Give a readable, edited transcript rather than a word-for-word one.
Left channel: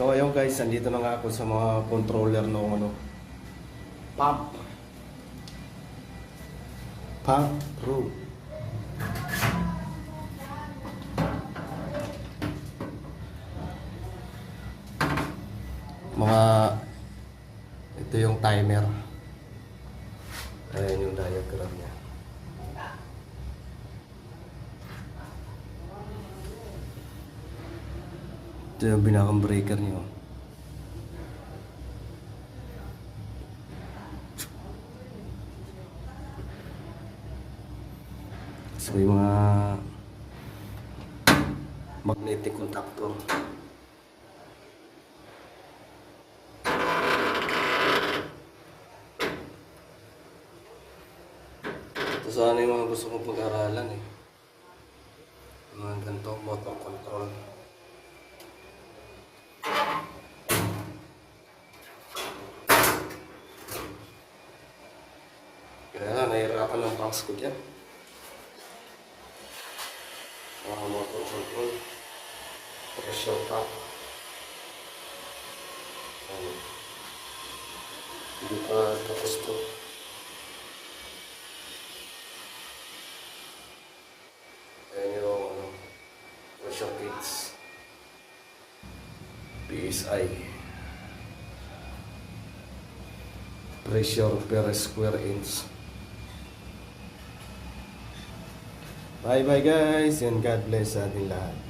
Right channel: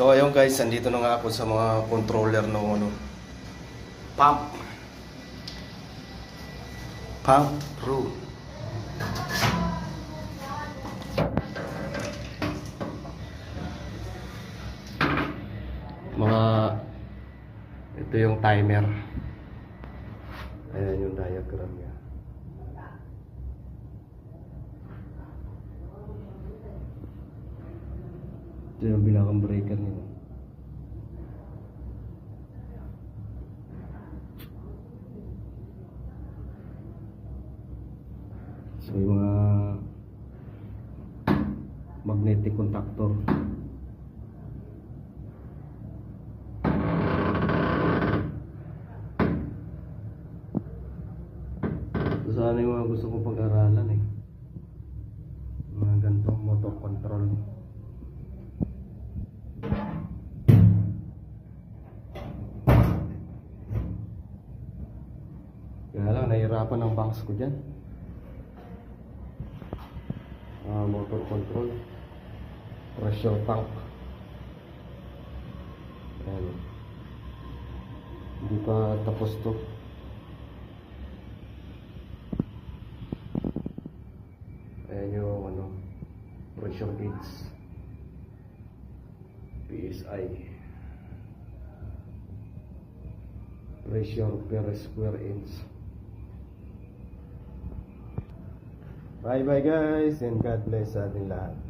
So ayun guys, andito na nga ako sa mga controller ng pump. Pump room. Ito yung timer. Ayan yung diagram niya. Ito yung binakang breaker niyo. So yung mga magnetic contactor. Ito sana yung mga gusto kong pag-aralan eh. Yung mga ganitong motor control. Kaya lang, nahirapan ang box ko dyan. Motor control. Pressure tank. Hindi pa tapos to. Ayan yung pressure gauge. PSI. Pressure per square inch. Bye bye guys and God bless sa ating lahat.